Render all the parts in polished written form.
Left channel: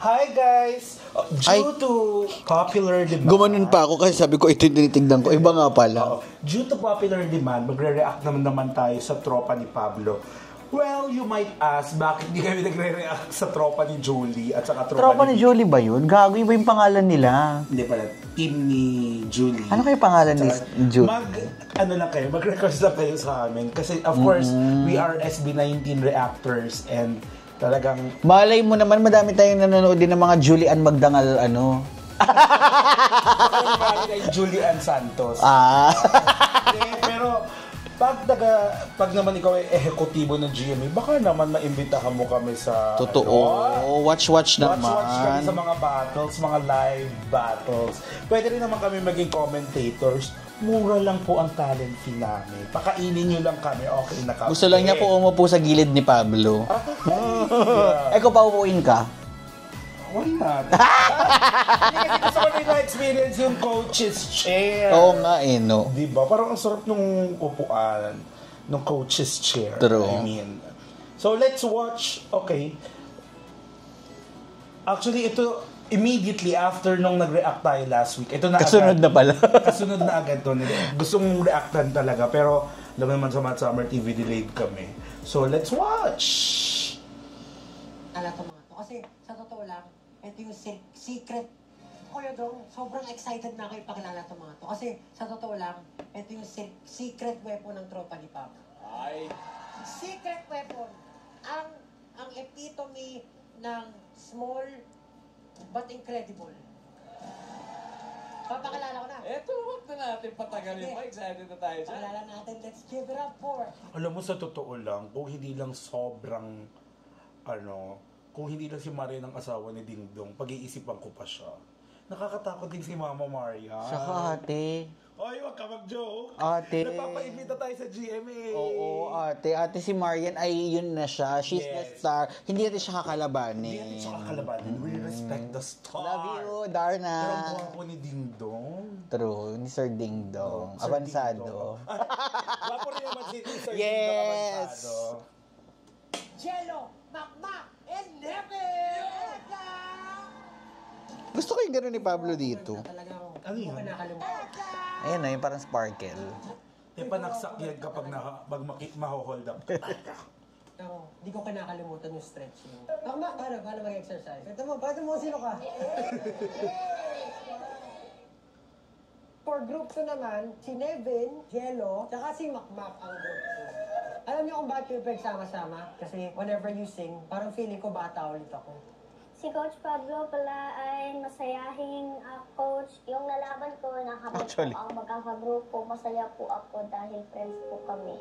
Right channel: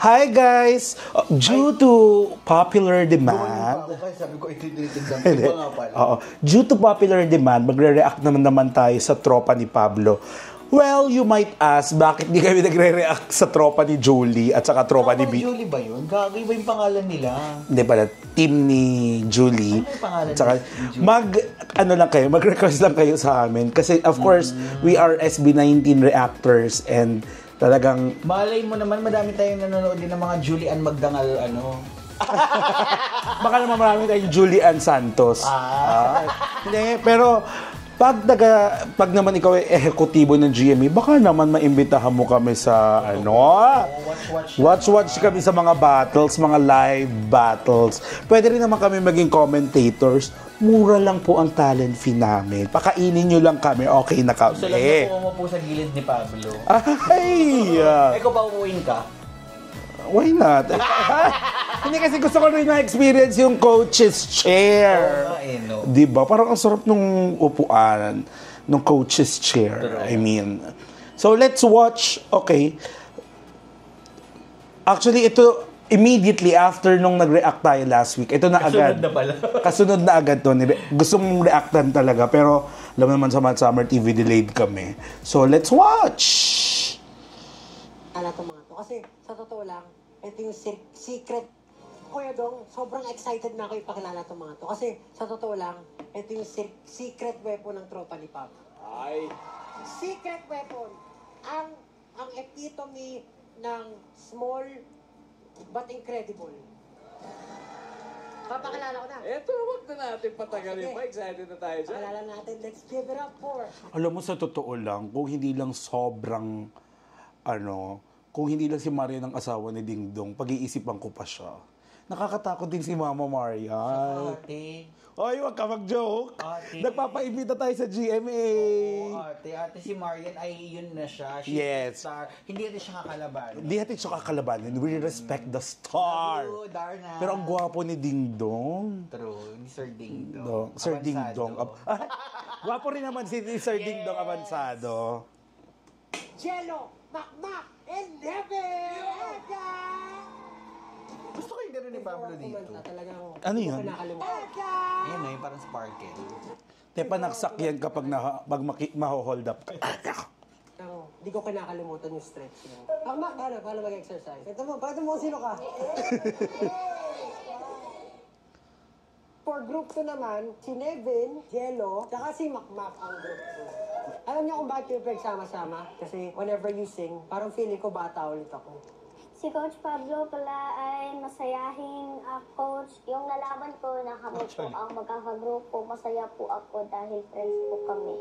Hi guys! Due to popular demand... Gumanon pa ako kasi sabi ko ito yung tinitignan ko. Iba nga pala. Due to popular demand, magre-react naman tayo sa tropa ni Pablo. Well, you might ask, bakit di kami nagre-react sa tropa ni Julie at saka tropa ni Vicky? Julie ba yun? Gago, iba yung pangalan nila. Hindi pala, team ni Julie. Ano kayo pangalan ni Julie? Mag-request lang kayo sa amin. Kasi of course, we are SB19 reactors and talagang... Malay mo naman, madami tayong nanonood din ng mga Julian Magdangal, Baka naman marami tayong Julian Santos. Hindi, pero... Pag naman ikaw ay ehekutibo ng GMA, baka naman maimbitahan mo kami sa Watch kami sa mga battles, mga live battles. Pwede rin naman kami maging commentators. Mura lang po ang talent fee namin. Pakainin nyo lang kami, okay na kami. Gusto lang niya po umupo sa gilid ni Pablo. Ikaw pa upuin ka? Why not? Hindi kasi gusto ko rin na-experience yung coach's chair. Oo nga no. Diba? Parang ang sarap nung upuan, nung coach's chair. True. I mean. So, let's watch. Okay. Actually, ito, immediately after nung nag-react tayo last week, ito na Kasunod agad. na pala. Kasunod na agad to. Gusto mong reactan talaga. Pero, alam naman sa Mad Summer TV, delayed kami. So, let's watch! Ala to mga to. Kasi, sa totoo lang, ito yung secret. Kuya Dong, sobrang excited na ako ipakilala itong mga to. Kasi sa totoo lang, ito yung secret weapon ng tropa ni Pab. Ay. Secret weapon. Ang epitome ng small but incredible. Papakilala ko na. Eto, huwag na natin patagalin pa. Excited na tayo dyan. Pakilala natin. Let's give it up for... Alam mo, sa totoo lang, kung hindi lang sobrang, kung hindi lang si Maria ng asawa ni Ding Dong, pag-iisipan ko pa siya. Nakakatakot din si Mama Maria. Saka ate. Oy, wag ka mag-joke. Ate. Nagpapaimbita tayo sa GMA. Oo, ate. Ate si Marian ay yun na siya. She's the star. Hindi natin siya kakalabanin. Hindi natin siya kakalabanin. We respect the star. Love you, Darna. Pero ang gwapo ni Ding Dong. True. Ni Sir Ding Dong. Sir Ding Dong. Gwapo rin naman si Sir Ding Dong Avansado. Jello, Makmak, and Never! Gusto ko yung gano'n ni Pablo dito. Ano yun? Ayan na, yung parang sparkle. Panaksak yan kapag maho-hold up. Hindi ko kinakalimutan yung stretching. Makmak, paano mag-exercise? Pakita mo sino ka. For group 2 naman, si Nevin, Jello, tsaka si Makmak ang group 2. Alam niyo kung bakit yung pagsama-sama? Kasi whenever you sing, parang feeling ko bata ulit ako. Si Coach Pablo pala ay masayahing coach. Yung nalaban ko, nakamit po ang magkakagrupo. Masaya po ako dahil friends po kami.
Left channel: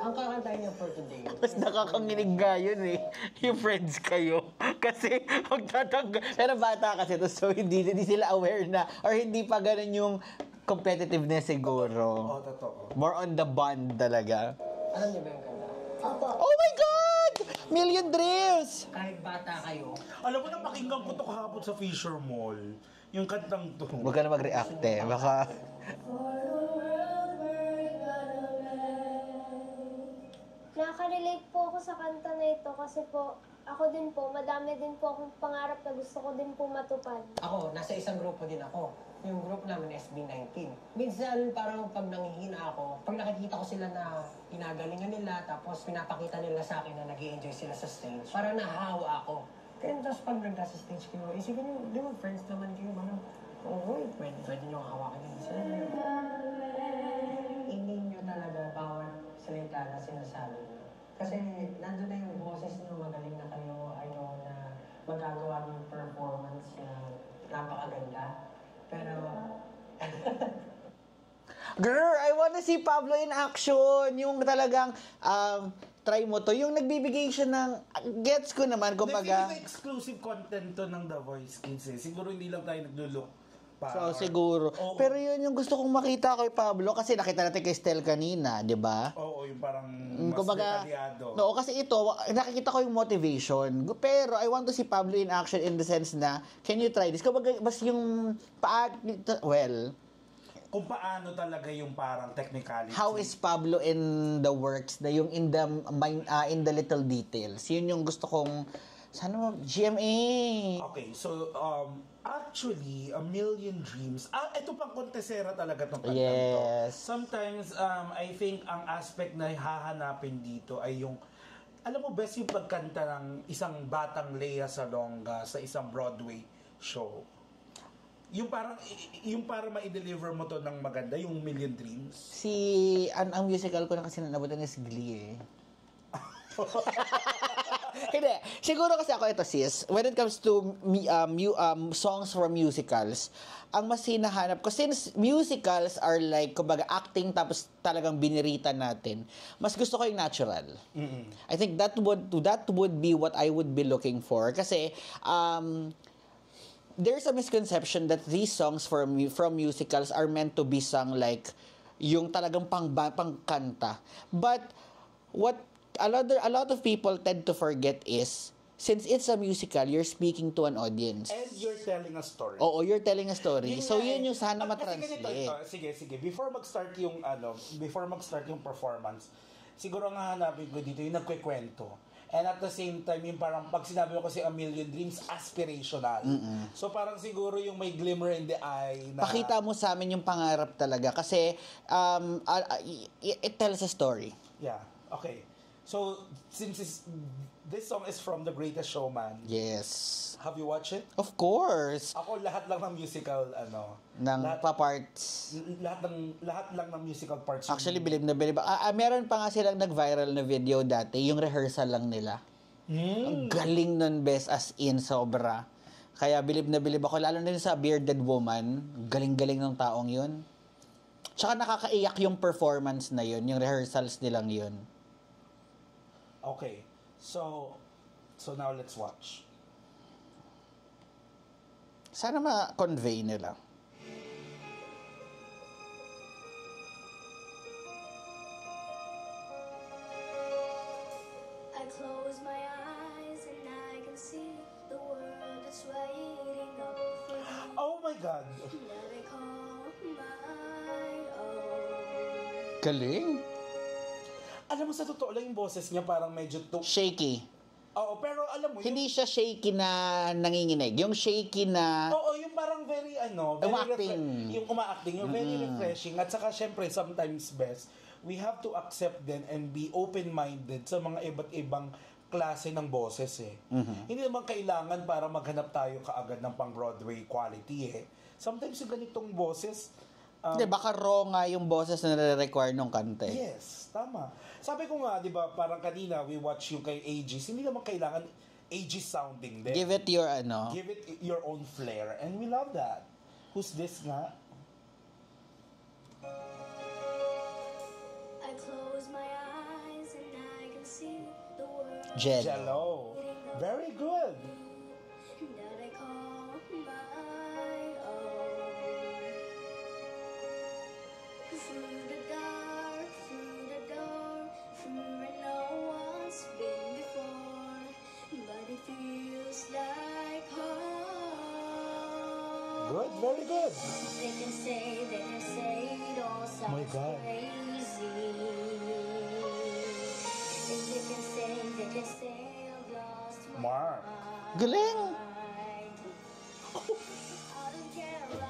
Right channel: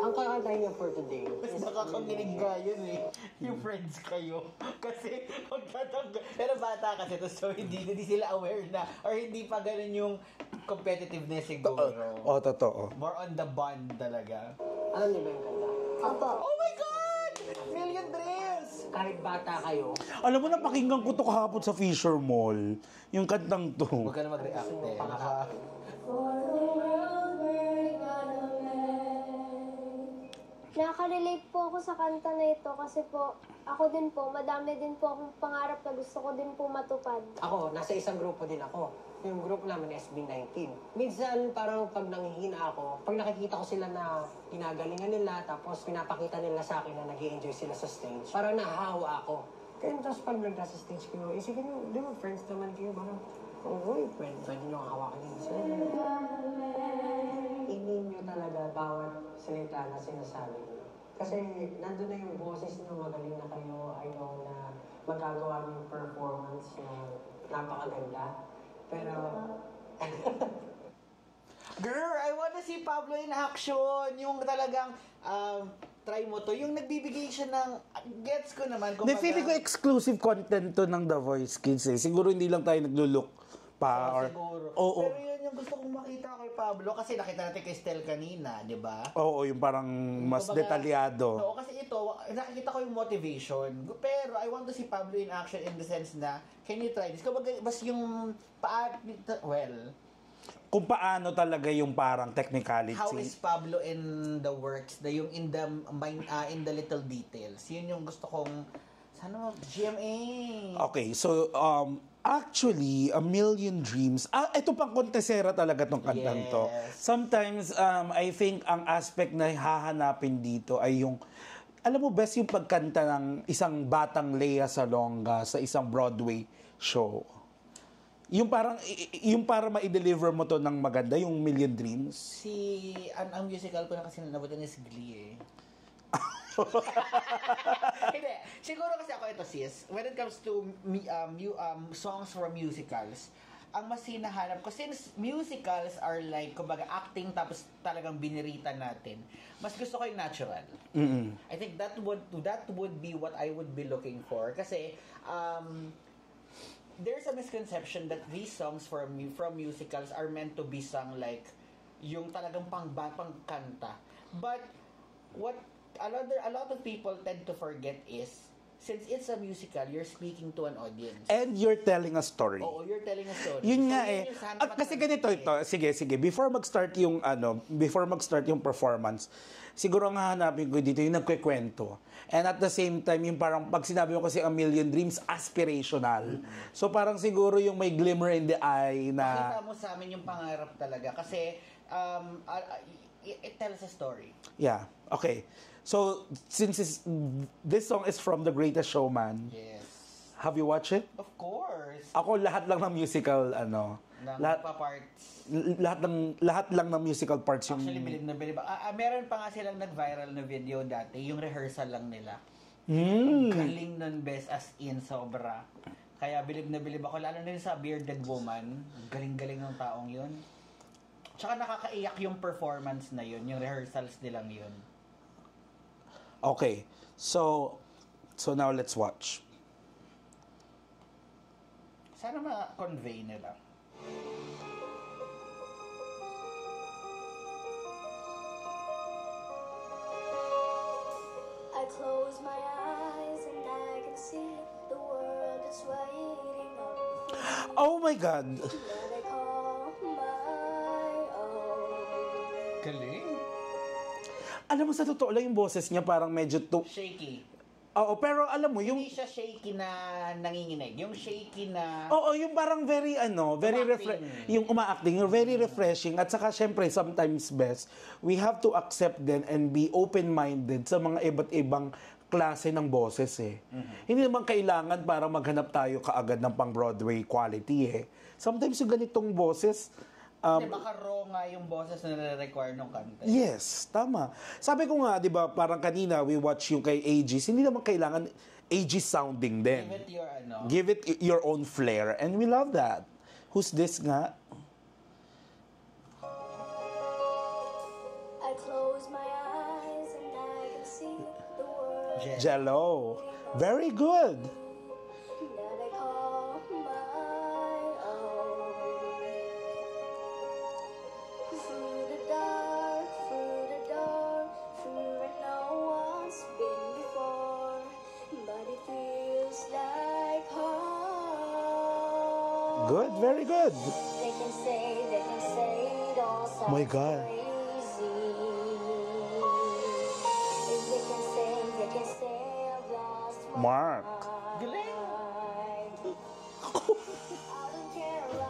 Ang kakantahin niyo for today. Mas nakakanginig nga yun yung friends kayo. Kasi pero bata kasi to, so hindi sila aware na or hindi pa ganun yung competitiveness siguro. Totoo. More on the bond talaga. Alam niyo ba yung kanta? Opo. Oh my God! Million Dreams! Kahit bata kayo, Alam mo, napakinggan ko to kahapon sa Fisher Mall. Yung kantang to. Huwag ka na mag-react baka... Nakaka-relate po ako sa kanta na ito kasi po, ako din po, madami din po akong pangarap na gusto ko din po matupad. ako, nasa isang grupo din ako. Yung group namin, SB19. Minsan, parang pag nanghihina ako, pag nakikita ko sila na pinagalingan nila, tapos pinapakita nila sa akin na nag-i-enjoy sila sa stage, parang nahahawa ako. Kaya tapos pag nagka sa stage kayo, isipin nyo, di ba friends naman kayo, parang, pwede nyo hawakan yun sila. Hindi nyo talaga bawat salita na sinasabi nyo. Kasi nandun na yung boses nyo, magaling na kayo, I know na magagawa ng performance na napakaganda. Pero... Girl, I wanna see Pablo in action. Yung talagang, try mo to. Yung nagbibigay siya ng, gets ko naman, kumbaga. Feeling ko exclusive content to ng The Voice Kids Siguro hindi lang tayo naglo-look pa. Siguro. Pero yun yung gusto kong makita kay Pablo kasi nakita natin kay Stel kanina, di ba? Oo, yung parang mas detalyado. Oo, kasi ito, nakikita ko yung motivation. Pero I want to see Pablo in action in the sense na, can you try this? Kumbaga, mas yung kung paano talaga yung parang technicality. How is Pablo in the works, na yung in the little details. Yun yung gusto kong Sana GMA. Okay, so actually, A Million Dreams, ito pang kontesera talaga tong kantang to. Yes. Sometimes, I think ang aspect na hahanapin dito ay yung, alam mo, best yung pagkanta ng isang batang Lea Salonga sa isang Broadway show. Yung para ma-deliver mo to ng maganda, yung Million Dreams. Ang musical ko na kasi nanabutan is Glee eh. Hindi. Siguro kasi ako ito, sis, when it comes to songs from musicals, ang mas hinahanap ko, since musicals are like, kumbaga, acting tapos talagang binirita natin, mas gusto ko yung natural. I think that would be what I would be looking for. Kasi, there's a misconception that these songs from musicals are meant to be sung like, yung talagang pangkanta. But, what a lot of people tend to forget is, since it's a musical, you're speaking to an audience. And you're telling a story. Oo, you're telling a story. Yun so, nga yun yung sana Kasi ganito ito. Sige. Before mag-start yung performance, siguro nga hanapin ko dito yung nagkikwento. And at the same time, yung parang pag sinabi mo kasi A Million Dreams, aspirational. So parang siguro yung may glimmer in the eye na... Pakita mo sa amin yung pangarap talaga. Kasi, it tells a story. Yeah. Okay. So, since this song is from The Greatest Showman, Yes. have you watched it? Of course. Ako lahat lang ng musical Parts. lahat lang ng musical parts yung- Actually, bilib na bilib. Meron pa nga silang nag-viral na video dati, yung rehearsal lang nila. Ang galing nun, best, as in, sobra. Kaya bilib na bilib ako, lalo na yun sa Bearded Woman. Galing-galing ng taong yun. Tsaka nakakaiyak yung performance na yun, yung rehearsals nilang yun. Okay. So now let's watch. Sana ma-convey nila. I close my eyes and I can see the world is waiting up for me Oh my God! that I call my own. Galing. Alam mo, sa totoo lang yung boses niya parang medyo Shaky. Oo, pero alam mo, yung... Hindi siya shaky na nanginginig. Yung shaky na... Oo, yung parang very Umaacting. yung umaacting, yung very refreshing. At saka, syempre, sometimes best, we have to accept then and be open-minded sa mga iba't ibang klase ng boses eh. Hindi naman kailangan para maghanap tayo kaagad ng pang-Broadway quality eh. Sometimes yung ganitong boses, Hindi, baka raw nga yung boses na nare-require nung kanta. yes, tama. Sabi ko nga, di ba, parang kanina, we watch yung kay Aegis, hindi naman kailangan Aegis sounding din. Give it your Give it your own flair. And we love that. Who's this nga? I close my eyes and I can see the world Jen. Jello. Very good. that I call my own. Through the dark, through the door, through where no one's been before, but it feels like home. Good, very good. They can say it all sounds My God. crazy. If they can say I've lost my Mark. Galing. mind. I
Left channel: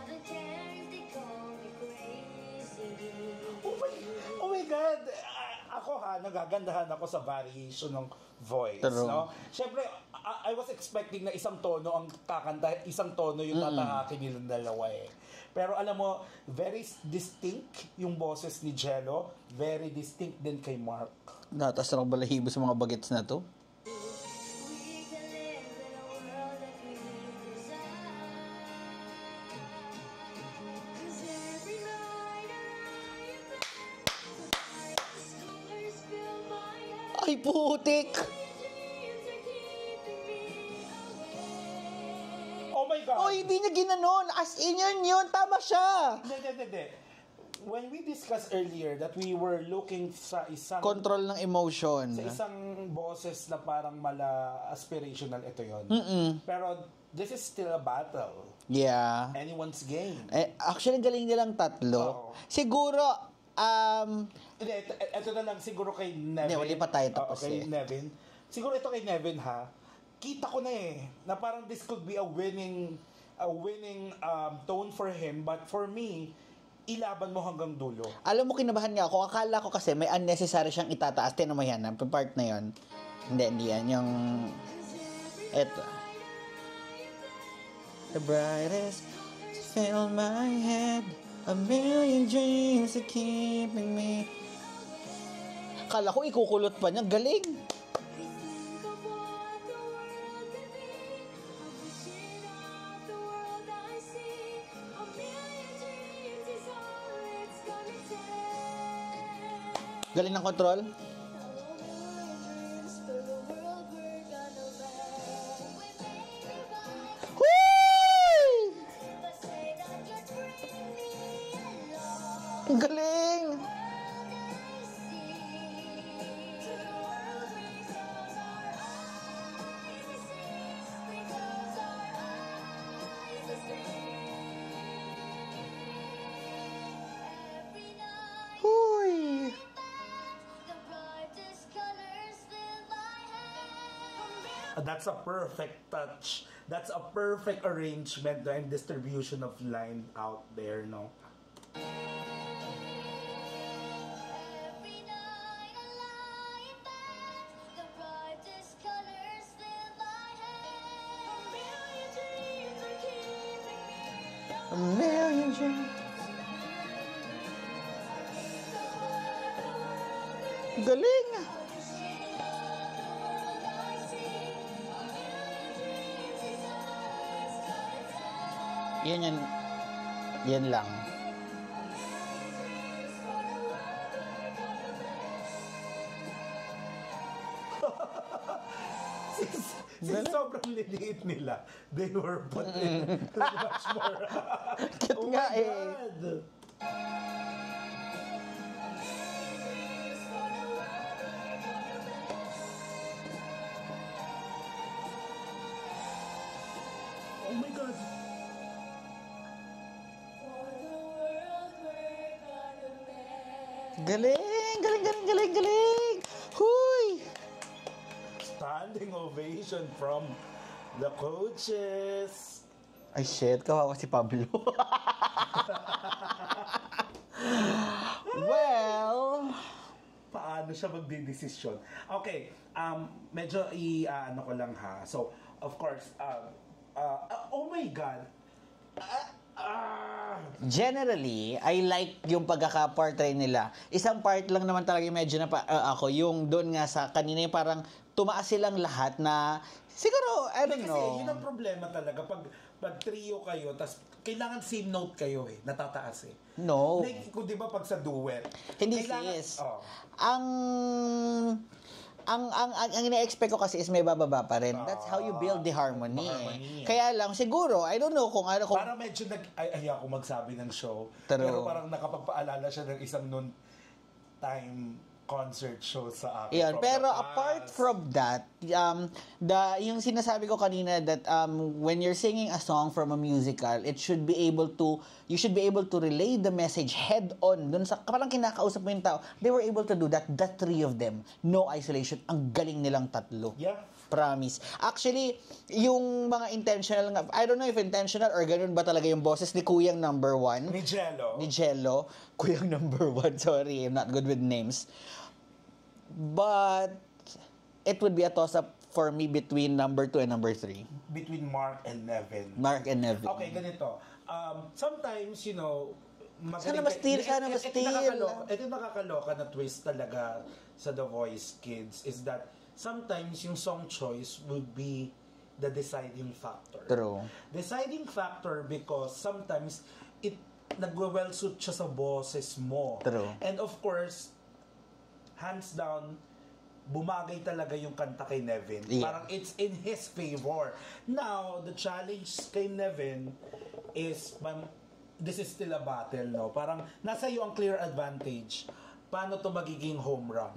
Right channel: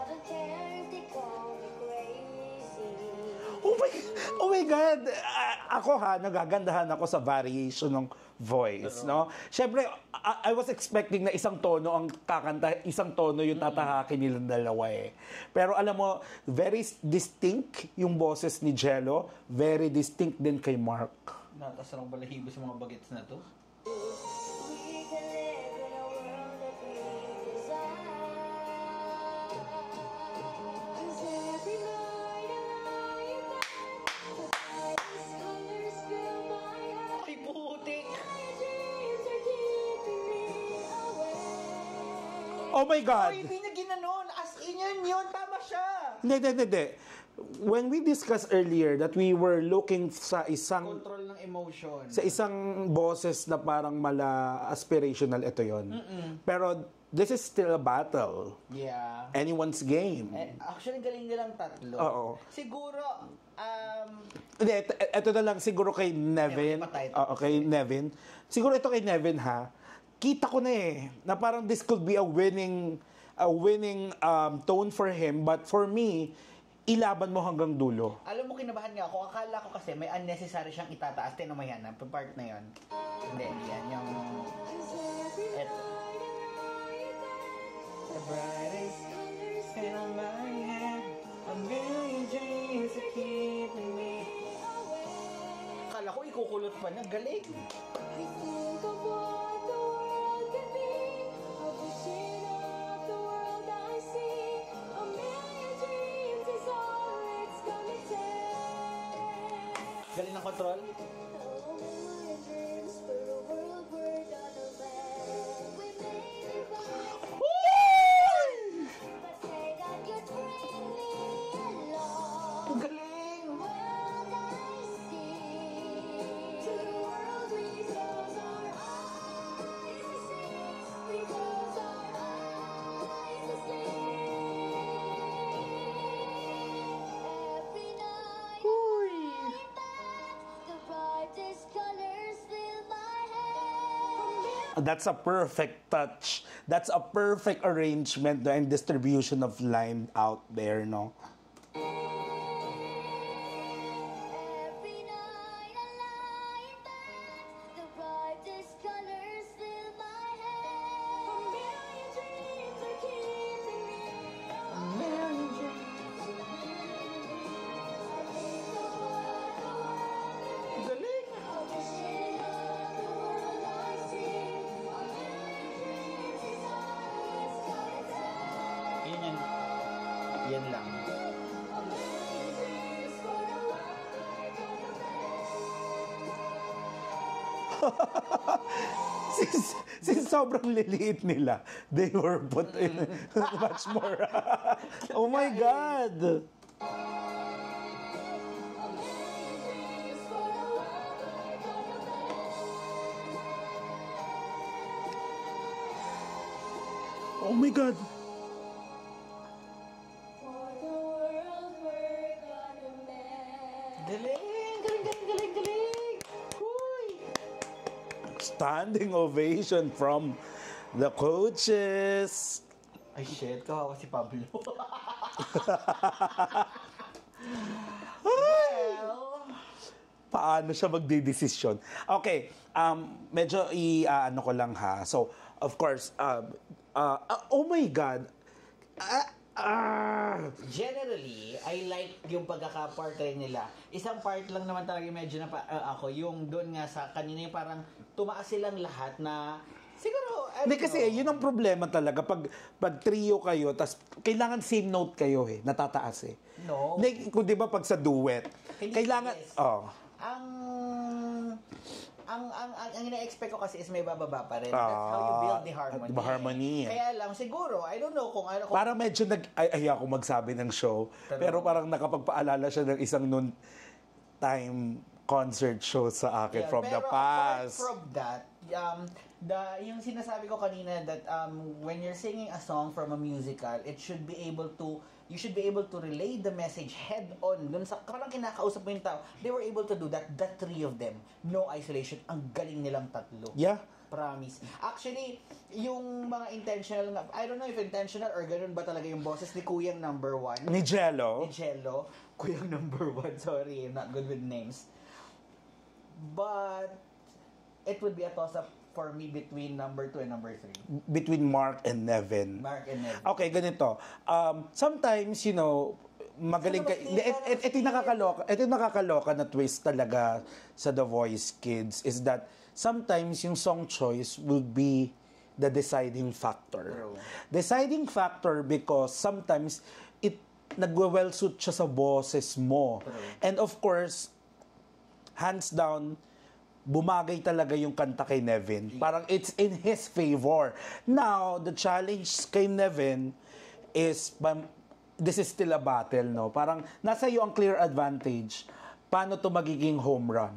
don't care if they call me crazy. Oh my God! Ako nagagandahan ako sa variation ng voice, True. no? Siyempre, I was expecting na isang tono ang kakanta, isang tono yung tatahakin nilang dalawa eh. Pero alam mo, very distinct yung boses ni Jello, very distinct din kay Mark. Natas na balahibo sa mga bagets na to. We can live in a world that we desire. 'Cause every night I lie in bed, these colors fill my head. Ay, putik! My dreams are keeping me away. Oh my God! Ay, hindi niya ginanon. As in yun. Tama siya. Hindi. When we discussed earlier that we were looking sa isang Control ng emotion. sa isang boses na parang mala aspirational, ito yon. Pero this is still a battle. Yeah. Anyone's game. Actually, galing nilang tatlo. Oo. Siguro, Hindi, ito na lang siguro kay Nevin. Hindi, wala pa tayo Oo, tapos kay eh. Nevin. Siguro ito kay Nevin ha. kita ko na na parang this could be a winning tone for him, but for me, ilaban mo hanggang dulo. Alam mo, kinabahan nga ako. Akala ko kasi may unnecessary siyang itataas. Tinan mo yan, ang part na yon. Hindi yan. Yung... Eto. The brightest fill my head, a million dreams are keeping me. Akala ko ikukulot pa niya. Galing. Galing ng control. Ang galing! That's a perfect touch. That's a perfect arrangement and distribution of line out there, no? Galing! Yan lang. Since sobrang liliit nila, they were put in much more. Oh my God! Oh my God! Galing! Huy! Standing ovation from the coaches. Ay shit, kawawa si Pablo. Well, Paano siya magdidesisyon? Okay, medyo ano ko lang ha. So, of course, oh my God. generally, I like yung pagkaka-portray nila. Isang part lang naman talaga yung medyo na ako, yung doon nga sa kanina yung parang tumaas silang lahat na siguro, I don't Kasi know. yun ang problema talaga. Pag trio kayo, tas kailangan same note kayo natataas No. Kung di ba pag sa duet, Hindi kailangan, yes. oh. Ang ina-expect ko kasi is may bababa pa rin. That's how you build the harmony. Harmony. Kaya lang, siguro, I don't know kung ano. Kung, Parang medyo ay ako magsabi ng show. Pero- Pero parang nakapagpaalala siya ng isang noon time concert show sa akin Yan, from pero the past. apart from that, yung sinasabi ko kanina that when you're singing a song from a musical, you should be able to relay the message head on dun sa parang kinakausap mo yung tao. They were able to do that, the three of them. No isolation. Ang galing nilang tatlo. Yeah. Promise. Actually, yung mga intentional nga, I don't know if intentional or ganun ba talaga yung boses ni Kuyang number 1. Ni Jello. Kuyang number 1, sorry, I'm not good with names. But it would be a toss-up for me between number 2 and number 3. Between Mark and Nevin. Mark and Nevin. Okay, ganito. Sometimes, magaling Sana ma-steal, sana ito yung nakakaloka na twist talaga sa The Voice Kids is that sometimes yung song choice will be the deciding factor. True. Deciding factor because sometimes nagwe-well suit siya sa boses mo. True. And of course, hands down, bumagay talaga yung kanta kay Nevin. Yeah. Parang it's in his favor. Now, the challenge kay Nevin is, this is still a battle, no? Parang nasa iyo ang clear advantage. Paano to magiging home run?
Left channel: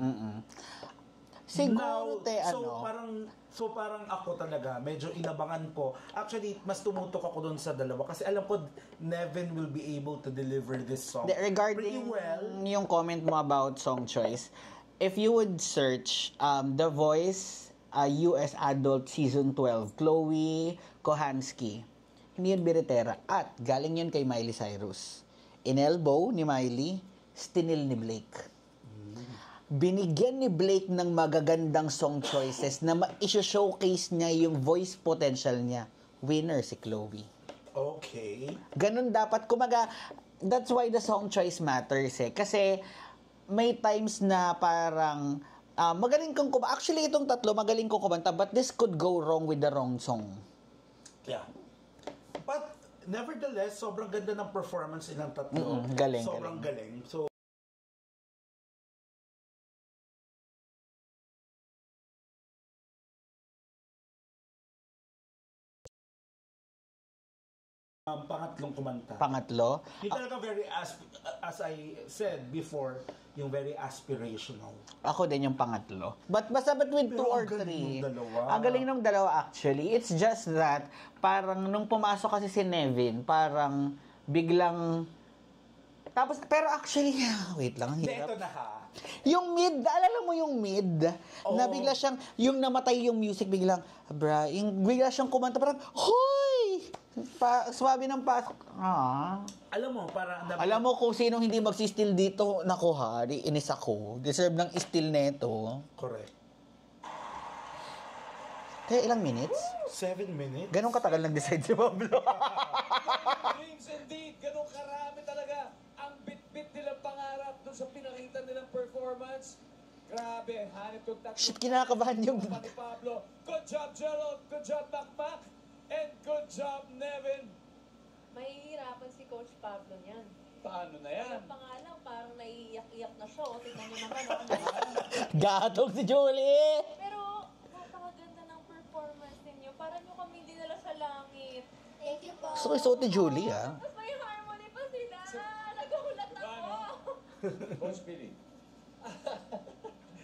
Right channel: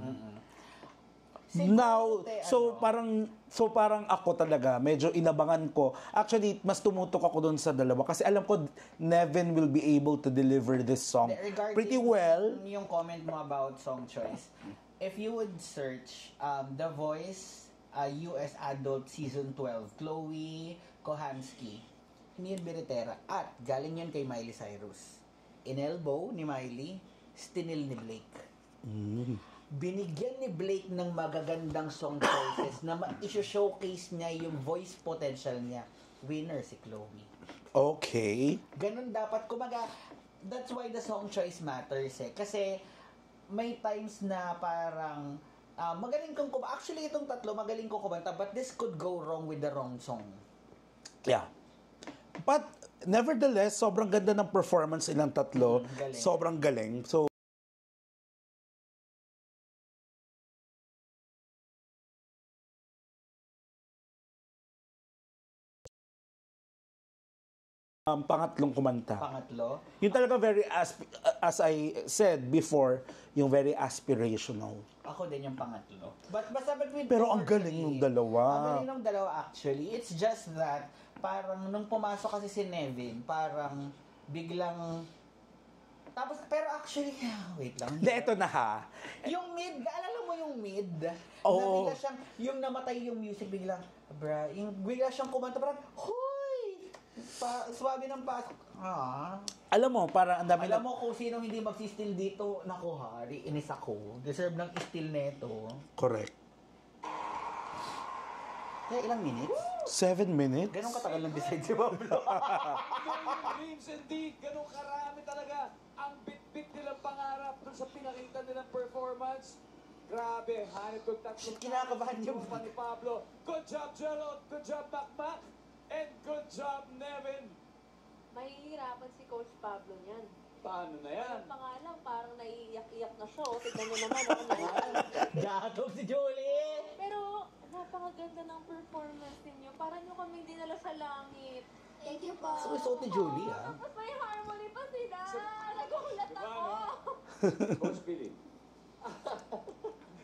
Now, so parang ako talaga, medyo inabangan ko. Actually, mas tumutok ako dun sa dalawa kasi alam ko Nevin will be able to deliver this song Regarding pretty well. yung comment mo about song choice, if you would search The Voice US Adult Season 12, Chloe Kohansky. Hindi yun biritera. At galing yun kay Miley Cyrus. Inelbow ni Miley, stinil ni Blake. Binigyan ni Blake ng magagandang song choices na ma-showcase niya yung voice potential niya. Winner si Chloe. Okay. Ganun dapat. Kumaga, that's why the song choice matters eh. Kasi may times na parang magaling kang kumanta. Actually, itong tatlo, magaling kong kumanta. But this could go wrong with the wrong song. Yeah. But nevertheless, sobrang ganda ng performance ilang tatlo. Galing. Sobrang galing. So, pangatlong kumanta. Pangatlo, Yung talaga very, as I said before, yung very aspirational. ako din yung pangatlo. But basta between Pero 2 or ang galing 3. nung dalawa. Ang galing nung dalawa actually. It's just that, parang nung pumasok kasi si Nevin, parang biglang... Tapos, pero actually, wait lang. ang Hindi, hirap. ito na ha. Yung mid, alala mo yung mid? Oo. Na bigla siyang, yung namatay yung music, biglang, bigla siyang kumanta, parang, hoy! Swabe ng pasok. Alam mo, parang... Alam mo kung sinong hindi magsi-steal dito, naku hari, inis ako. Deserve ng steal neto. Correct. Kaya ilang minutes? 7 minutes? Ganun katagal nag-decide si Pablo. Dreams indeed, ganun karami talaga ang bit-bit nilang pangarap dun sa pinakita nilang performance. Grabe, hanip kong tatlo. Shit, kinakabahan yung... Ni Pablo. Good job, Gerald. Good job, Pakpak. And good job, Nevin. Mahihirapan si Coach Pablo niyan. Paano na yan? Pa nga lang, parang naiiyak-iyak na siya. O, tignan niyo naman. Gatog si Julie! Pero, napakaganda ng performance ninyo. Parang nyo kami dinala sa langit. Thank you po. Gusto ko isuot ni Julie, ah. Tapos may harmony pa sila. Nagulat Diba, ako. no? Coach Billy.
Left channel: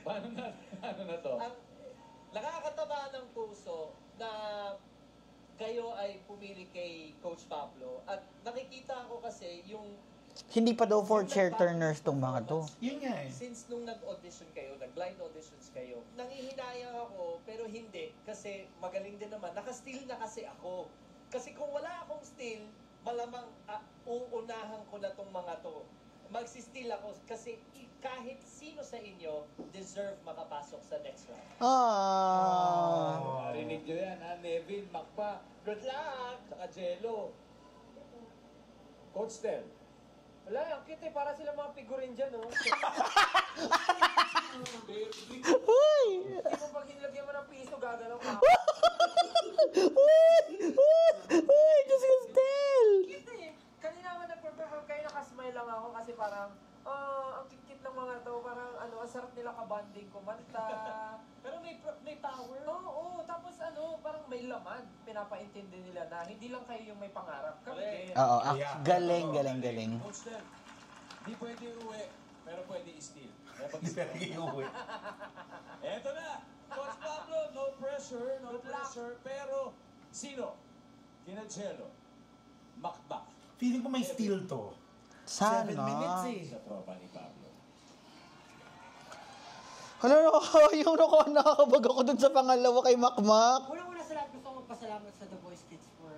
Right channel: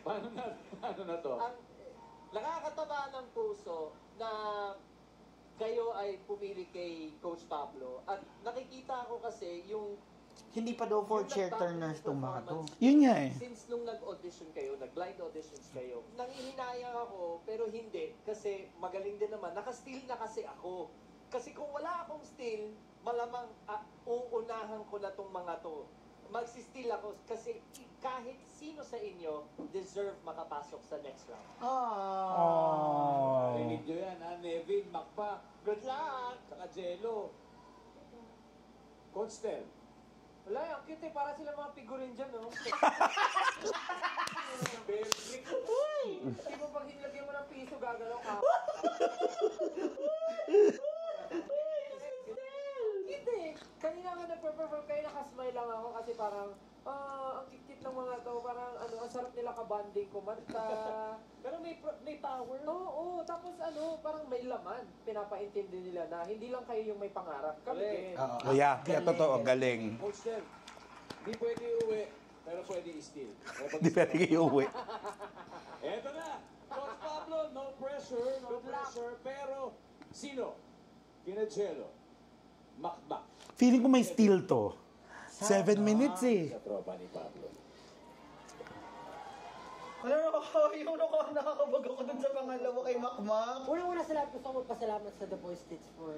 Paano na to? Ang nakakataba ng puso na kayo ay pumili kay Coach Pablo. At nakikita ko kasi yung Hindi pa daw for yung chair nagbago turners ng tong mga to. performance. Yun nga eh. Since nung nag-audition kayo, nag-blind auditions kayo, nangihinayang ako, pero hindi. Kasi magaling din naman. Naka-steal na kasi ako. Kasi kung wala akong steal, malamang uunahan ko na tong mga to. Magsi-steal ako kasi kahit sino sa inyo deserve makapasok sa next round. Marinig nyo yan, ha? Nevin, Makpa. Good luck! Saka Jello. Coach Tel. Wala, ang cute eh. Para sila mga figurin dyan, oh. Hindi mo pag hinilagyan mo ng piso, gagalaw ka. Uy, Diyos ko, Stel! Cute eh. Kanina ako nag-perform kayo, nakasmile lang ako kasi parang, ang kit-kit ng mga to, parang ang sarap nila kabanding kumanta. Pero may power. Oo, tapos parang may laman. Pinapaintindi nila na hindi lang kayo yung may pangarap. Kami din. Oo, Yeah, galing, totoo, galing. Coach Tel, di pwede uwi, pero pwede i-steal. Di pwede iuwi. Eto na! Coach Pablo, no pressure, pero sino? Kina Jello, Makbak, Feeling ko may steal to. Sana. 7 minutes eh. sa tropa ni Pablo. Hala, nakakabag ako dun sa pangalawa kay Makmak. Unang-una sa lahat, gusto ko magpasalamat sa The Voice Kids for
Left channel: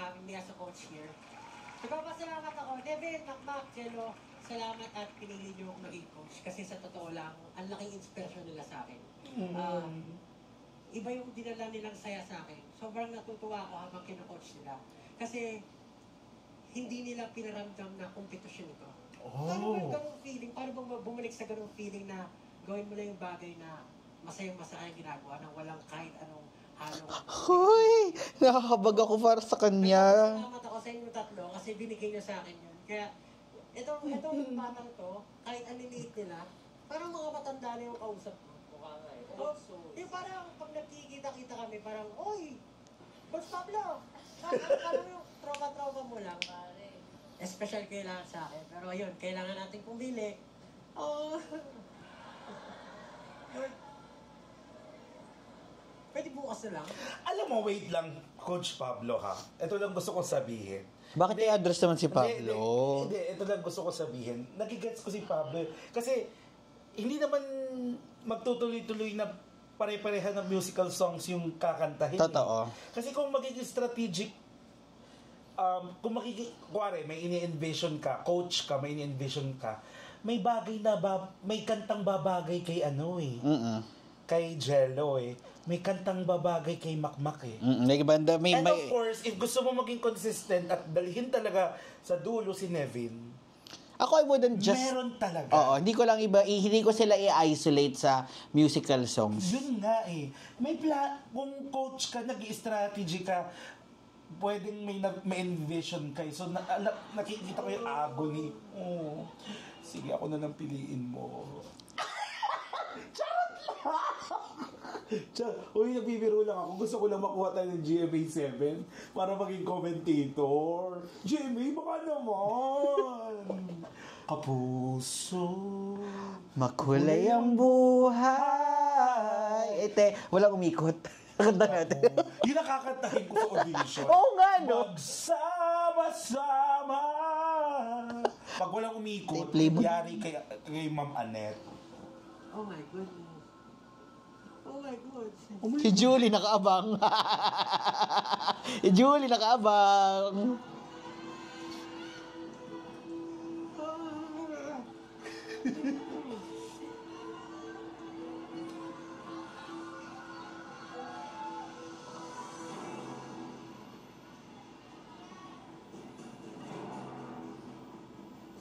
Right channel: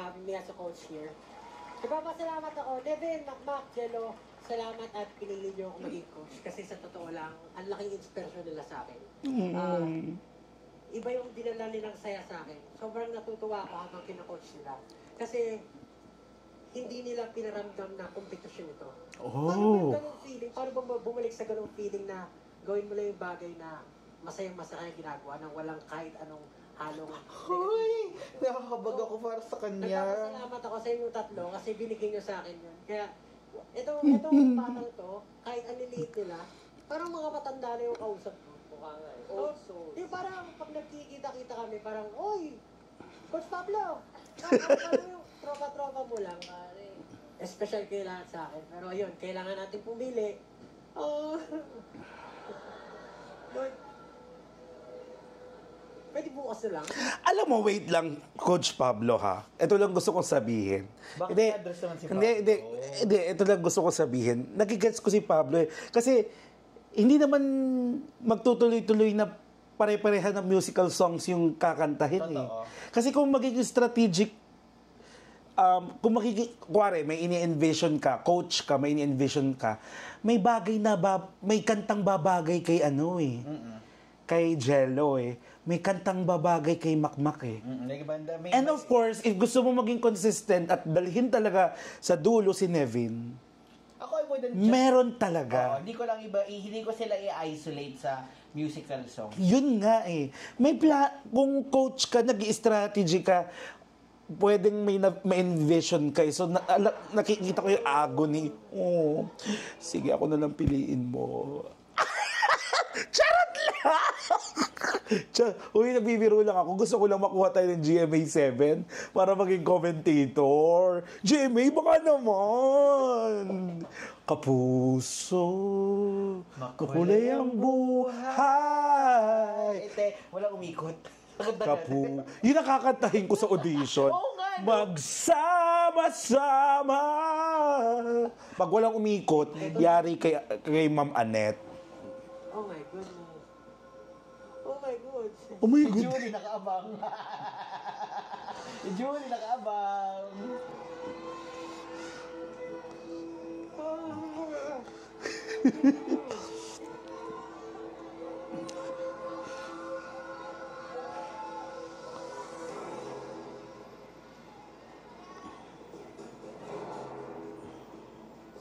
having me as a coach here. Nagpapasalamat ako, Devin, Makmak, Jello, salamat at pinili niyo ako maging coach. Kasi sa totoo lang, ang laking inspirasyon nila sa akin. Iba yung dinala nilang saya sa akin. Sobrang natutuwa ako habang kino-coach nila. Kasi hindi nila pinaramdam na kompetisyon ito. Paano bang ganong feeling? Paano bang bumalik sa ganong feeling na gawin mo lang yung bagay na masayang-masaya yung ginagawa nang walang kahit anong halong... Hoy, nakakabag ako para sa kanya. Salamat ako sa inyong tatlo kasi binigay niyo sa akin yun. Kaya itong batang to, kahit aliliit nila, parang mga matanda na yung kausap ko. Mukha nga eh. Oh, Also, yung parang pag nagkikita-kita kami, parang, oy, Coach Pablo, parang yung tropa-tropa mo lang. Special kailangan sa akin. Pero ayun, kailangan natin pumili. Oh. Lord, pwede bukas na lang. Alam mo, wait lang, Coach Pablo ha. Ito lang gusto kong sabihin. Bakit i-address naman si Pablo? Hindi, ito lang gusto kong sabihin. Nagigets ko si Pablo eh. Kasi, hindi naman magtutuloy-tuloy na pare-parehan ng musical songs yung kakantahin. Totoo. Kasi kung magiging strategic, kung magiging, kuwari, may ini-envision ka, coach ka, may ini-envision ka, may bagay na, may kantang babagay kay kay Jello May kantang babagay kay Makmak May banda, And of course, if gusto mo maging consistent at dalhin talaga sa dulo si Nevin, Ako, I wouldn't just... meron talaga. Oo, hindi ko sila i-isolate sa musical songs. Yun nga May kung coach ka, nag-strategy ka, pwedeng may envision ka. So, nakikita ko yung agony. Oh, sige, ako na lang piliin mo. Charot lang! Uy, nagbibiro lang ako. Gusto ko lang makuha tayo ng GMA7 para maging commentator. GMA, baka naman! Kapuso, Makulay ang buhay. Walang umikot. Yun nakakantahin ko sa audition. Oo nga, no? Magsama-sama. Pag walang umikot, yari kay Ma'am Annette. Oh my goodness. Oh my God. Si Julie nakaabang. Si Julie nakaabang.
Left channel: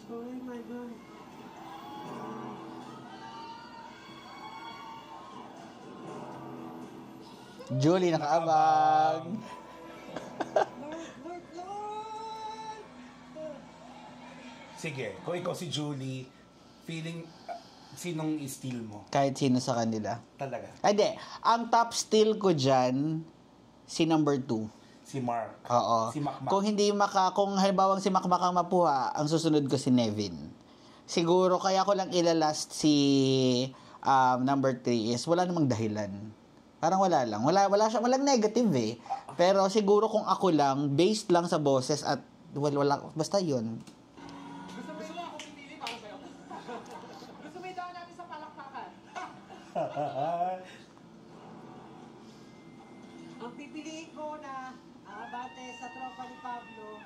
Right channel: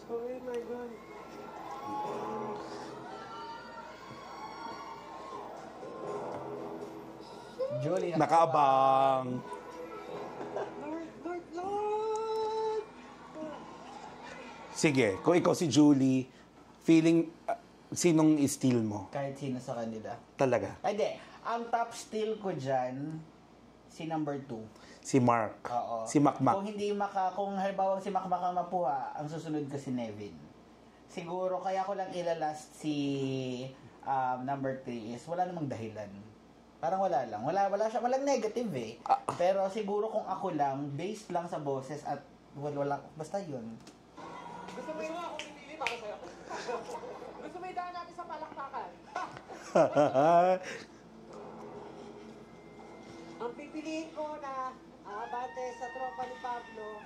Oh my God. Julie Nakabang. nakaabang. Sige, kung ikaw si Julie, feeling, sinong steal mo? Kahit sino sa kanila. Talaga. Ay, di. Ang top steal ko dyan, si number 2. Si Mark. Oo. Si Makmak. Kung halimbawa si Makmak ang mapuha, ang susunod ko si Nevin. Siguro, kaya ko lang ilalast si number 3 is wala namang dahilan. Parang wala lang. Walang negative Pero siguro kung ako lang, based lang sa boses at wala, basta yun. Gusto mo yung ako pipili para sa'yo? Gusto mo idaan natin sa palakpakan? Ang pipiliin ko na aabante sa tropa ni Pablo.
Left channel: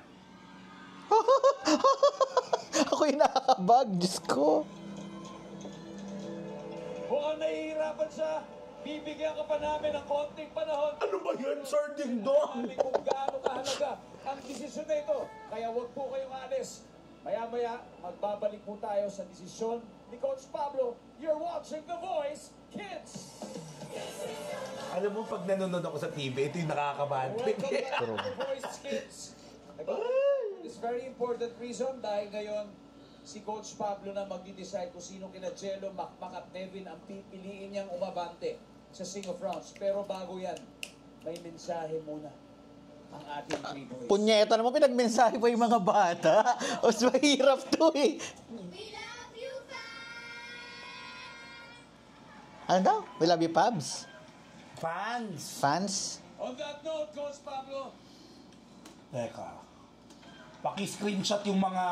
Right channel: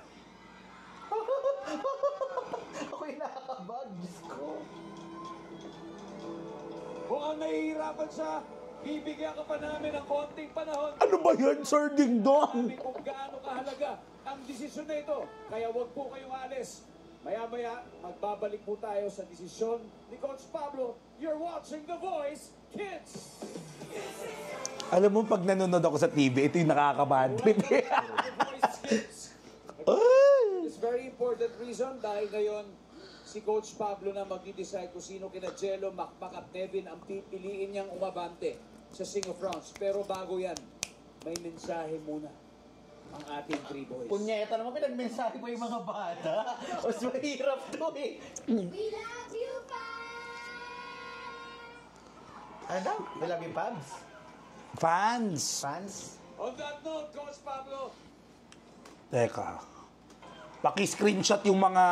Ako yung nakakabag, Diyos ko. Mukhang nahihirapan siya. Bibigyan ka pa namin ng konting panahon. Ano ba yan, Sir Ding Dong? Kami kung gaano kahalaga ang desisyon na ito. Kaya huwag po kayong alis. Maya-maya, magbabalik po tayo sa desisyon ni Coach Pablo. You're watching The Voice Kids! Alam mo, pag nanonood ako sa TV, ito yung nakakabad trip. Welcome to The Voice Kids! It's very important reason dahil ngayon si Coach Pablo na mag-decide kung sino kina Jello, Makmak at Nevin ang pipiliin niyang umabante sa Sing of Rounds. Pero bago yan, may mensahe muna ang ating 3 boys. Punyeta naman, pinagmensahe pa yung mga bata. Mas mahirap to We love you, Ano? We love you, Pabs. Fans! Fans? On that note, Coach Pablo, Teka. Paki-screenshot yung mga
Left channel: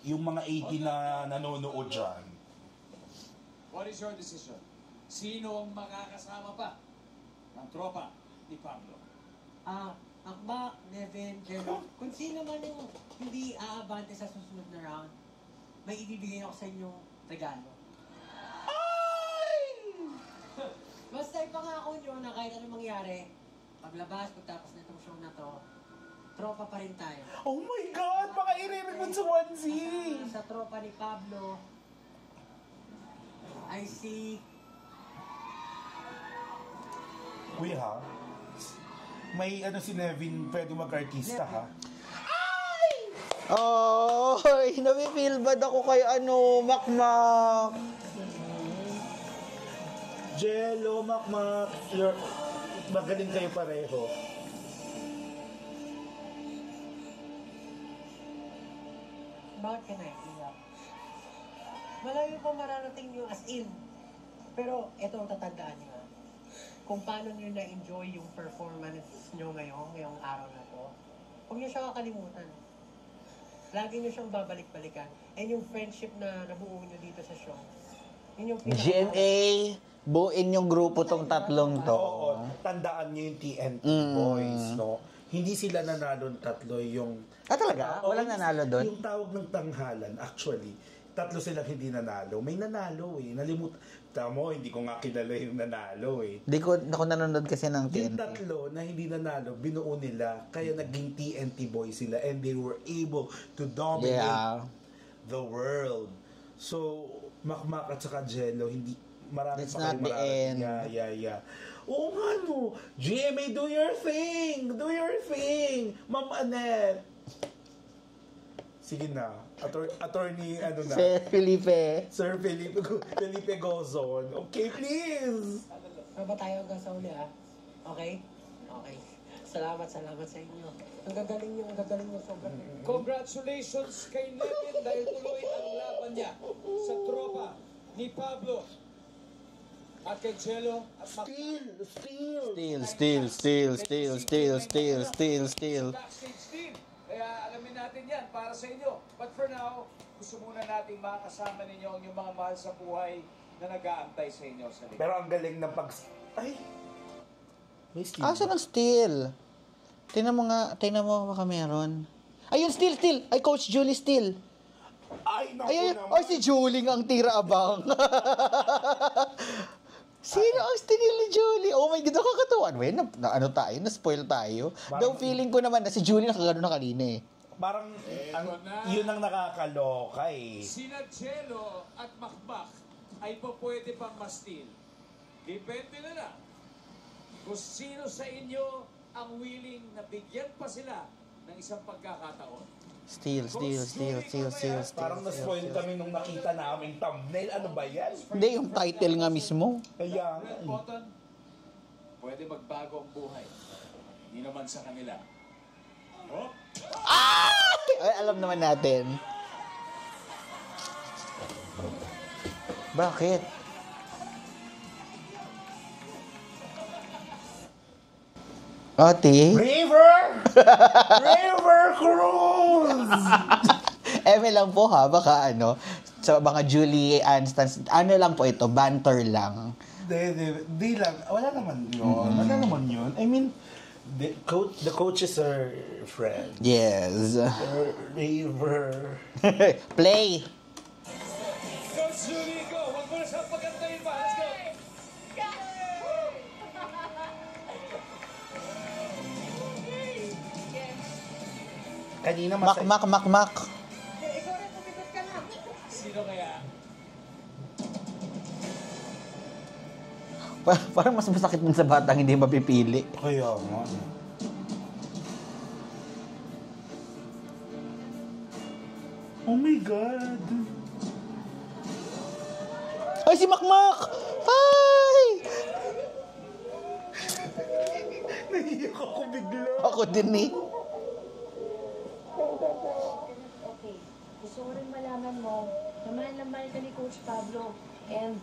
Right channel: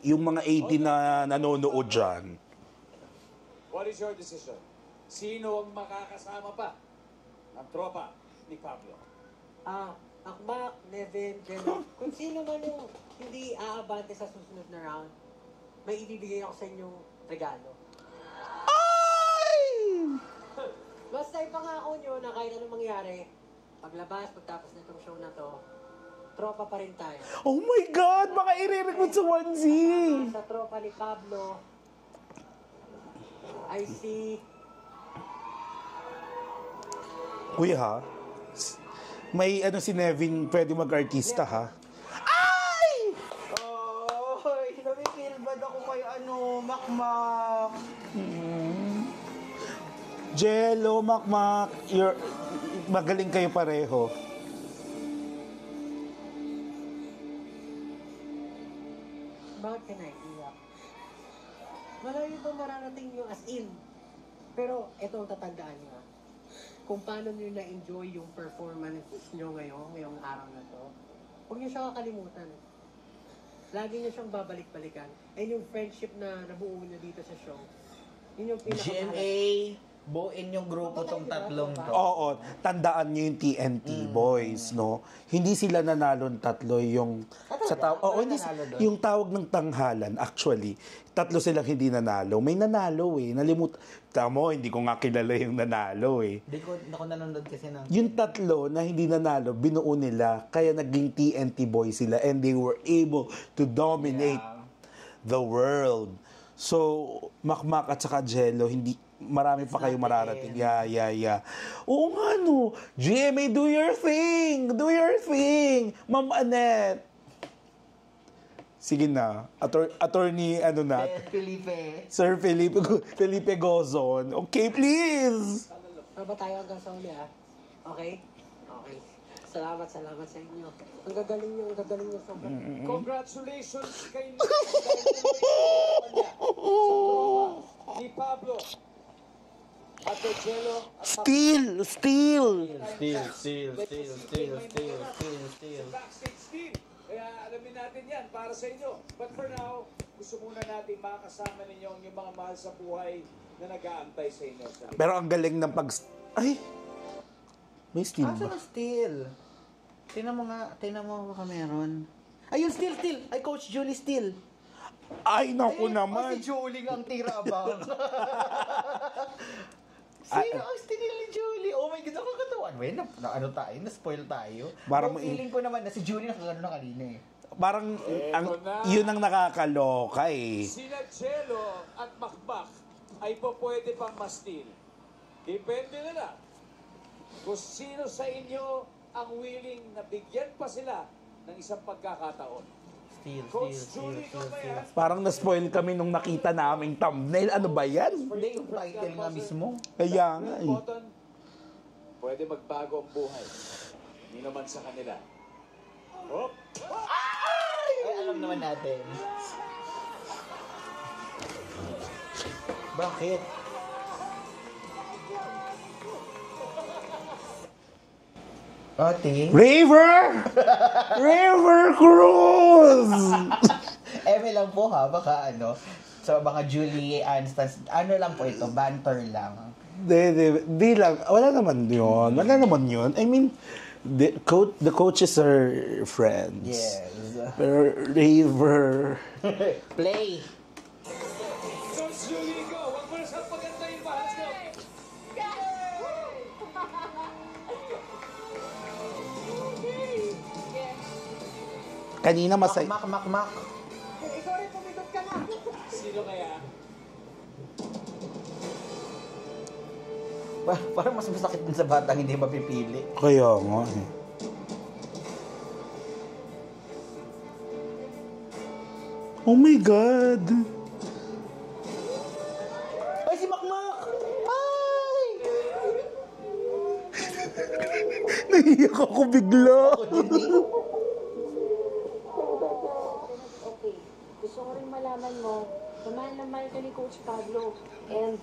18 na nanonood dyan. what is your decision? Sino ang makakasama pa ng tropa ni Pablo? Akmak, Nevin, Jello. Kung sino man yung hindi aabante sa susunod na round, may ibibigay ako sa inyong regalo. Basta ipangako nyo na kahit anong mangyari, paglabas, pagtapos na itong show na to, tropa pa rin tayo. Oh my God! Baka i-record sa onesie! Sa tropa ni Pablo, I see... Uy ha? May si Nevin, pwede mag-artista ha? Oh, nafe-feel bad ako kay Makmak. Jello, Makmak, magaling kayo pareho. Bakit ka naiiyak? Malayo pa mararating nyo as in. Pero ito ang tatandaan nyo. Kung paano nyo na-enjoy yung performance nyo ngayong araw na to, huwag nyo siya kakalimutan. Lagi nyo siyang babalik-balikan. And yung friendship na nabuo nyo dito sa show, yun yung GMA, buuin yung grupo tong tatlong to. Oo, tandaan niyo yung TNT boys, no? Hindi sila nanalo ng tatlo yung... Talaga? Wala nanalo doon? Yung tawag ng tanghalan, actually, tatlo silang hindi nanalo. May nanalo eh. Tamo, hindi ko nga kilala yung nanalo eh. Di ko nanonood kasi ng Yung TNT. tatlo na hindi nanalo, binuo nila, kaya naging TNT boys sila and they were able to dominate the world. So, Makmak at saka Jello, marami It's pa kayo not the mararating. end. Yeah. Oo nga no. GMA, do your thing! Do your thing! Ma'am Annette! Sige na. Attorney, ano na? Sir Felipe Gozon. Okay, please! Para ba tayo hanggang sa uli, ha? Okay? Okay. Salamat sa inyo. Ang gagaling niyo sobrang. Congratulations kay Nick dahil tuloy ang niya sa tropa ni Pablo at kay Jello at Steal! Backstage Steel. Kaya alamin natin yan para sa inyo. But for now, gusto muna natin makasama ninyo ang yung mga mahal sa buhay na nag-aantay sa inyo. Pero ang galing ng Ay! May steal Asa ba? ng Steel? Tingnan mo baka meron. Ayun, Steel! Ay, Coach Julie Steel. Ay, naku naman! Ay, si Julie ang tira abang. Sino ang stinil ni Julie? Oh my God, nakakatawa. Ano tayo? Na-spoil tayo. Parang- Though feeling ko naman na si Julie nakagano na kanina eh. Parang, yun ang nakakaloka eh. Sina Jello at Makmak ay po pwede pang mastil. Depende na lang kung sino sa inyo ang willing na bigyan pa sila ng isang pagkakataon. Steel. Parang na-spoil kami nung nakita naming thumbnail. Ano ba yan? Hindi, yung title nga mismo. Kaya nga Red eh. button, pwede magbago ang buhay. Hindi naman sa kanila. Oh, Ay, alam naman natin. Bakit? Ate? River Cruz! Eme lang po ha, baka sa mga Julie Anstance, lang po ito, banter lang. Di lang. Wala naman yun. I mean, the coaches are friends. Yes. River. Play. Coach Julie, go! Huwag mo na siyang pagantayin pa. Let's go! Kanina masaya. Mak. Sino kaya? Parang mas masakit din sa batang hindi mapipili. Kaya nga eh. Oh my God! Ay, si Makmak! Ay! Nahiyak ako bigla. Ako din eh. Okay. Gusto ko rin malaman mo, naman naman ka ni Coach Pablo. And,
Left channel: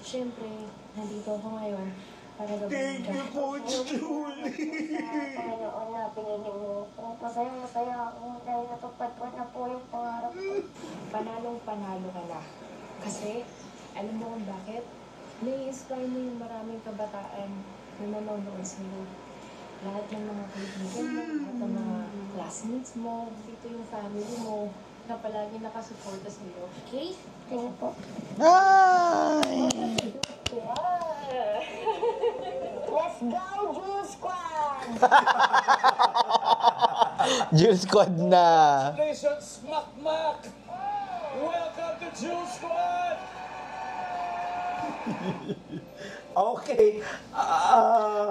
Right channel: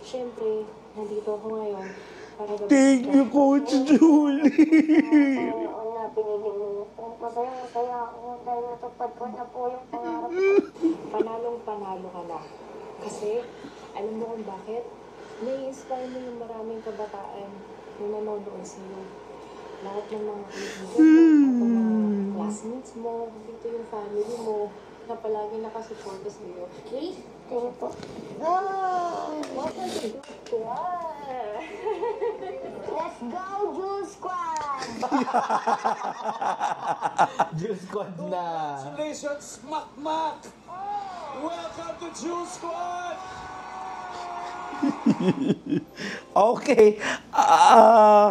syempre, nandito ako ngayon para gawin Thank you, Coach Julie. Oo nga, pinili mo. Masaya ako dahil natupad ko na po yung pangarap ko. Panalong-panalo ka na. Kasi, alam mo kung bakit? Nai-inspire mo yung maraming kabataan na nanonood sa'yo. Lahat ng mga kaibigan mo, lahat ng mga classmates mo, dito yung family mo, na palagi nakasuporta sa'yo. Okay? Thank you po. Let's go, Jules Squad! Jules Squad na. Congratulations, Makmak! Welcome to Jules Squad! Okay.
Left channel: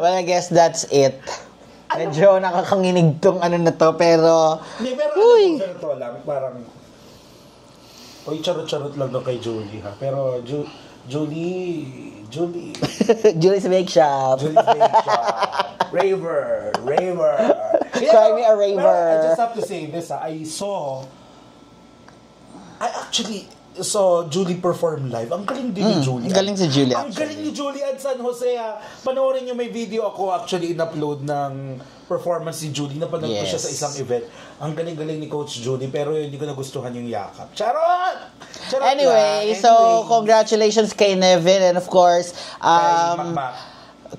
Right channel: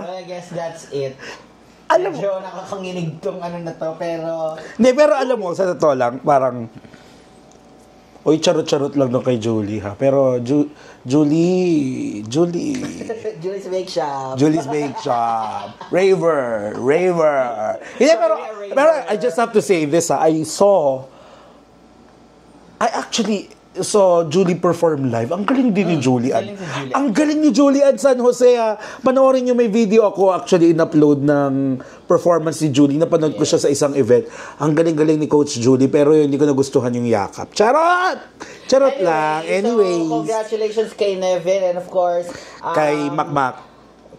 Well, I guess that's it. Medyo nakakanginig tong na to, pero... Hindi, pero alam mo, sa totoo lang, parang... Uy, charot-charot lang doon kay Julie, ha? Pero, Julie... Julie's Bake Shop. Julie's Bake Shop. Raver. Hindi, Call me a raver. pero I just have to say this, ha? I actually, saw Julie perform live. Ang galing din ni Julie. galing si Julie. Ang galing ni Julie at San Jose. Panoorin niyo, may video ako actually in-upload ng performance ni Julie. Napanood ko siya sa isang event. Ang galing-galing ni Coach Julie, pero yun, hindi ko nagustuhan yung yakap. Charot! Charot lang. So congratulations kay Nevin and of course Kay Makmak.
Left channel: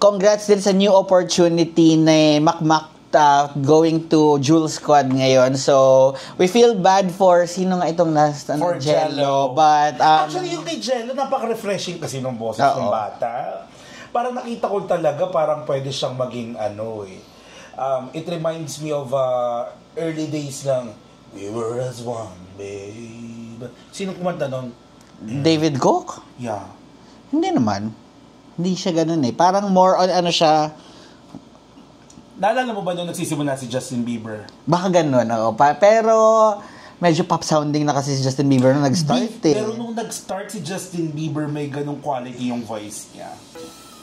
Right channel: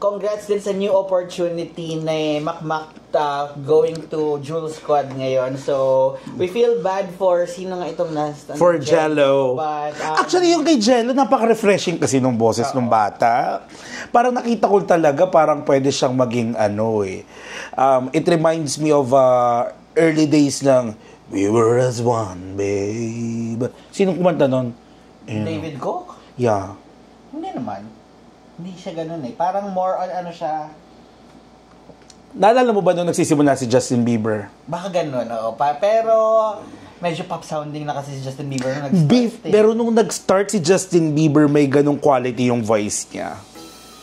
Congrats din sa new opportunity ni Makmak going to Jules Squad ngayon. So, we feel bad for sino nga itong last For Jello. But, Actually, yung kay Jello, napaka-refreshing kasi nung boses ng bata. Parang nakita ko talaga, parang pwede siyang maging it reminds me of early days ng We Were As One, Babe. Sinong kumanta nun? David Cook? Yeah. Hindi naman. Hindi siya ganun eh. Parang more on siya. Naalala mo ba nung nagsisimula si Justin Bieber? Baka ganun, oo. Pero medyo pop sounding na kasi si Justin Bieber na nag-start eh. Pero nung nag-start si Justin Bieber, may ganong quality yung voice niya.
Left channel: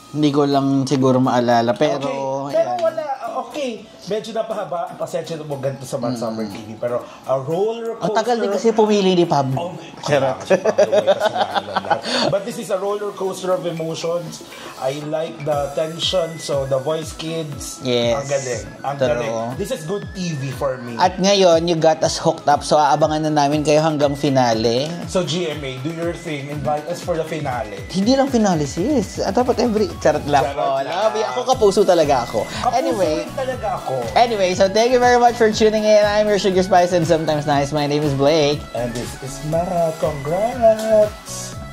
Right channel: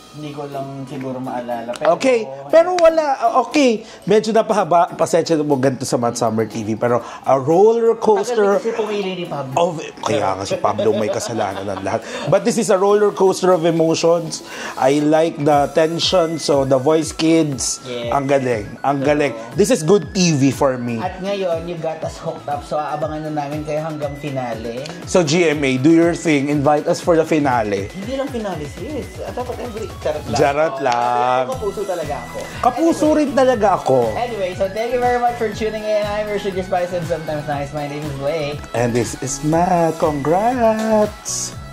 Hindi ko lang siguro maalala. Pero, Okay, pero wala. Okay, medyo napahaba. Pasensya mo ganito sa Summer TV. Pero a roller ang tagal din coaster kasi pumili ni Pablo. kaya kasi Pablo may kasalanan ng lahat. But this is a roller coaster of emotions. I like the tension. So the voice kids, Yes. ang galing. Ang galing. This is good TV for me. At ngayon, you got us hooked up. So aabangan na namin kayo hanggang finale. So GMA, do your thing. Invite us for the finale. Hindi lang finale series. At dapat every... Charot lang. Charot lang. Ako kapuso talaga ako. Kapuso rin talaga ako. Anyway, so thank you very much for tuning in. I'm your Sugar Spice and sometimes nice. My name is Blake. And this is Matt. Congrats!